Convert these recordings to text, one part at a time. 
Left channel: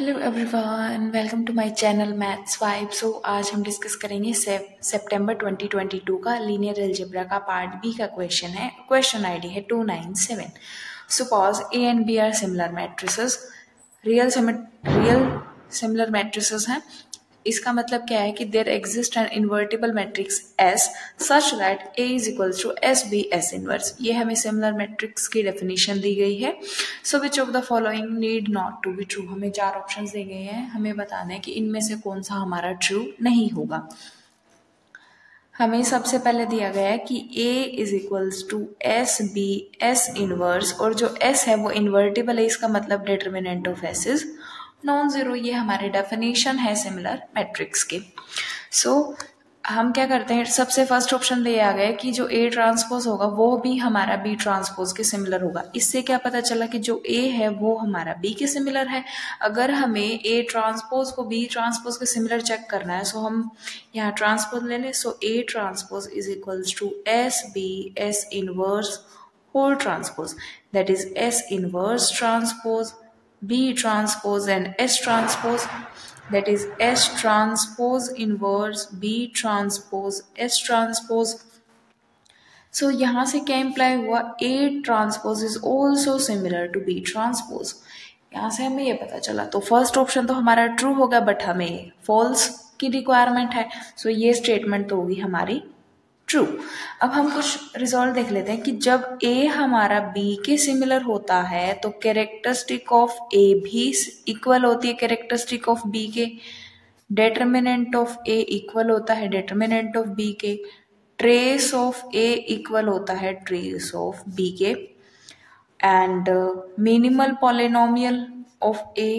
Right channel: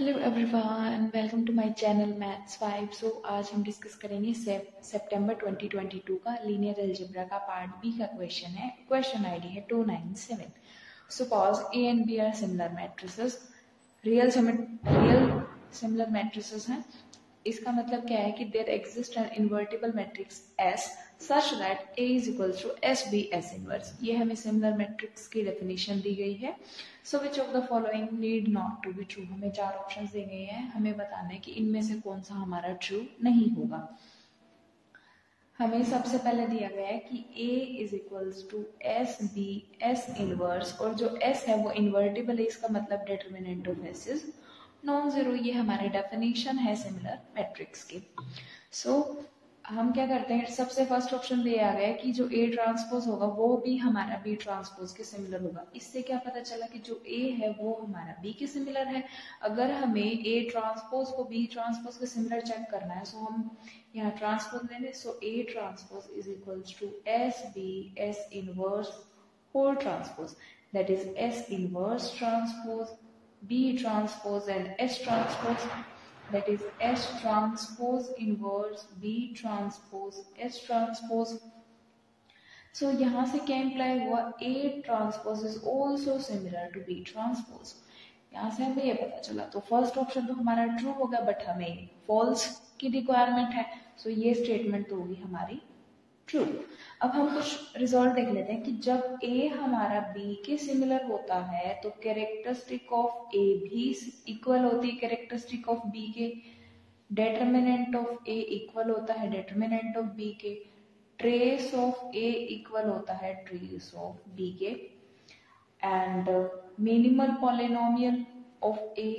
Hello everyone, welcome to my channel Maths Vibe. So आज हम discuss करेंगे सितंबर 2022 का लीनियर अलजेब्रा का पार्ट बी का क्वेश्चन है। क्वेश्चन आईडी है 297। Suppose A and B are similar matrices, real similar matrices हैं। इसका मतलब क्या है कि there exist an invertible matrix S such that A is equals to S B S inverse. ये हमें सिमिलर मैट्रिक्स की डेफिनेशन दी गई है। सो विच of the following need not to be true. हमें 4 ऑप्शंस दिए गए हैं, हमें बताना है कि इनमें से कौन सा हमारा ट्रू नहीं होगा। हमें सबसे पहले दिया गया है कि A is equals to S B S inverse, और जो S है वो इन्वर्टिबल है। इसका मतलब determinant of S is non zero. ये हमारी डेफिनेशन है सिमिलर मैट्रिक्स के। सो हम क्या करते हैं, सबसे फर्स्ट ऑप्शन ले आ गए कि जो A ट्रांसपोज होगा वो भी हमारा B ट्रांसपोज के सिमिलर होगा। इससे क्या पता चला कि जो A है वो हमारा B के सिमिलर है। अगर हमें A ट्रांसपोज को B ट्रांसपोज के सिमिलर चेक करना है, सो हम यहाँ ट्रांसपोज ले लें। So A transpose is equals to S B S inverse whole transpose, that is S inverse transpose B transpose and S transpose, that is S transpose inverse B transpose S transpose. So यहाँ से क्या imply हुआ, A transpose is also similar to B transpose। यहाँ से हमें ये पता चला। तो फर्स्ट ऑप्शन तो हमारा ट्रू होगा, बट हमें फॉल्स की रिक्वायरमेंट है। सो ये स्टेटमेंट तो होगी हमारी ट्रू। अब हम कुछ रिजल्ट देख लेते हैं कि जब A हमारा B के सिमिलर होता है तो कैरेक्टरिस्टिक ऑफ A भी इक्वल होती है कैरेक्टरिस्टिक ऑफ B के। डिटर्मिनेंट ऑफ A इक्वल होता है डिटर्मिनेंट ऑफ B के। ट्रेस ऑफ A इक्वल होता है ट्रेस ऑफ B के। And minimal polynomial of A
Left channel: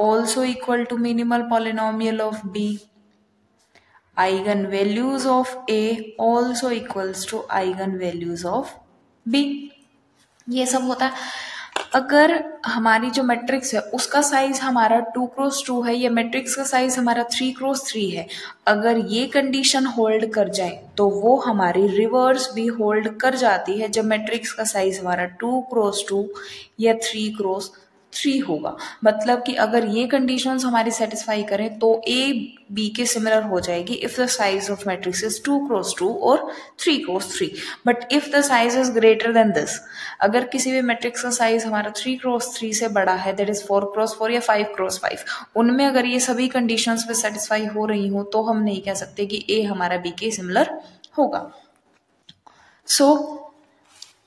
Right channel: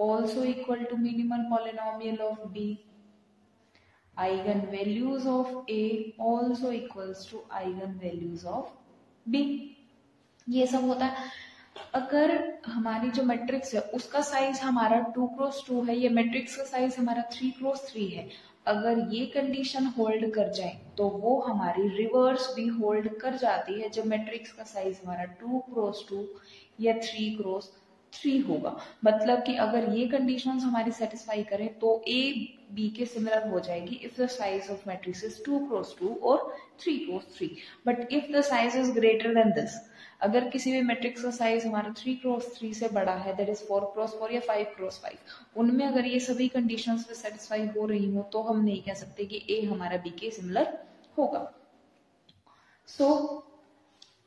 also equal to minimal polynomial of B। eigenvalues of A also equals to eigenvalues of B। ये सब होता है। अगर हमारी जो मैट्रिक्स है उसका साइज हमारा 2x2 है, ये मैट्रिक्स का साइज हमारा 3x3 है, अगर ये कंडीशन होल्ड कर जाए तो वो हमारी रिवर्स भी होल्ड कर जाती है जब मैट्रिक्स का साइज हमारा 2x2 या 3x3 होगा। मतलब कि अगर ये कंडीशंस हमारी सेटिस्फाई करें तो A B के सिमिलर हो जाएगी if the size of matrix is 2x2 और 3x3। But if the size is greater than this, अगर किसी भी मैट्रिक्स का साइज हमारा 3x3 से बड़ा है, दैट इज 4x4 या 5x5, उनमें अगर ये सभी कंडीशंस पे सेटिस्फाई हो रही हो तो हम नहीं कह सकते कि A हमारा B के सिमिलर होगा। सो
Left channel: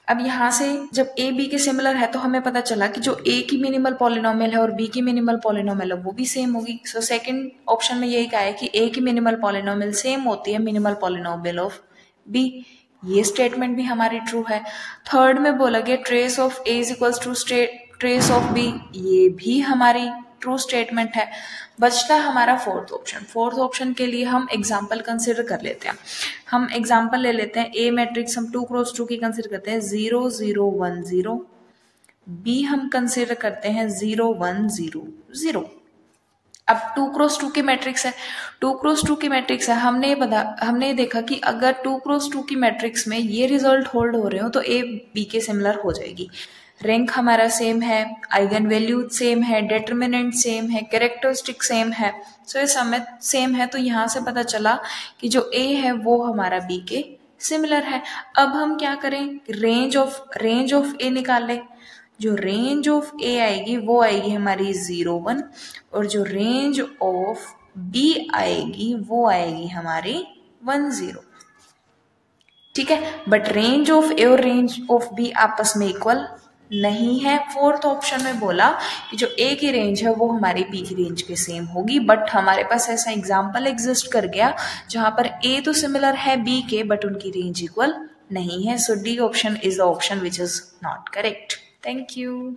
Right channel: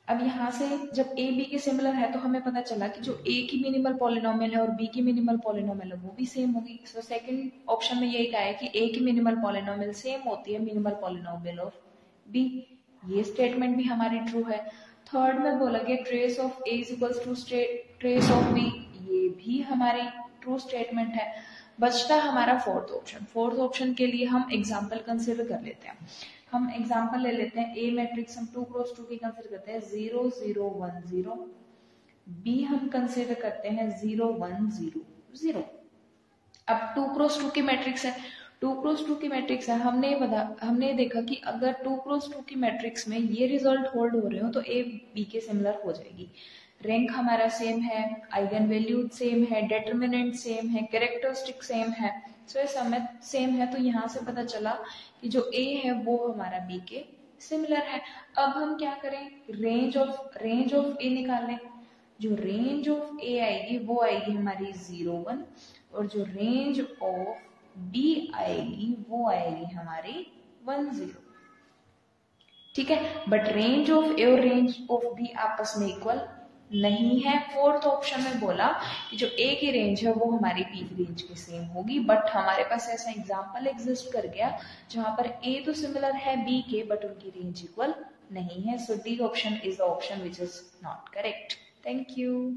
अब यहाँ से जब A B के सिमिलर है तो हमें पता चला कि जो A की मिनिमल पॉलिनोमियल है और B की मिनिमल पॉलिनोमियल है वो भी सेम होगी। सो सेकंड ऑप्शन में यही कहा है कि A की मिनिमल पॉलिनोमियल सेम होती है मिनिमल पॉलिनोमियल ऑफ B। ये स्टेटमेंट भी हमारी ट्रू है। थर्ड में बोला गया trace of A is equals to trace of B, ये भी हमारी ट्रू स्टेटमेंट है। बचता है हमारा फोर्थ ऑप्शन। फोर्थ ऑप्शन के लिए हम एग्जाम्पल कंसिडर कर लेते हैं। हम एग्जाम्पल ले लेते हैं। A मैट्रिक्स हम 2x2 की कंसिडर करते हैं 0 0 1 0। B हम कंसिडर करते हैं 0 1 0 0। अब 2x2 की मैट्रिक्स है, 2x2 की मैट्रिक्स है, हमने देखा कि अगर 2x2 की मैट्रिक्स में ये रिजल्ट होल्ड हो रहे हो तो A B के सिमिलर हो जाएगी। रैंक हमारा सेम है, आइगन वैल्यू सेम है, डिटर्मिनेंट सेम है, कैरेक्टरिस्टिक सेम है। सो ये सब में सेम है, तो यहाँ से पता चला कि जो A है वो हमारा B के सिमिलर है। अब हम क्या करें, रेंज ऑफ A निकाल ले। जो रेंज ऑफ A आएगी वो आएगी हमारी 0 1, और जो रेंज ऑफ B आएगी वो आएगी हमारी 1 0। ठीक है, बट रेंज ऑफ A और रेंज ऑफ B आपस में इक्वल नहीं है। फोर्थ ऑप्शन में बोला कि जो A की रेंज है वो हमारे B की रेंज के सेम होगी, बट हमारे पास ऐसा एग्जाम्पल एग्जिस्ट कर गया जहां पर A तो सिमिलर है B के, बट उनकी रेंज इक्वल नहीं है। सो D option is the option which is not correct. Thank you.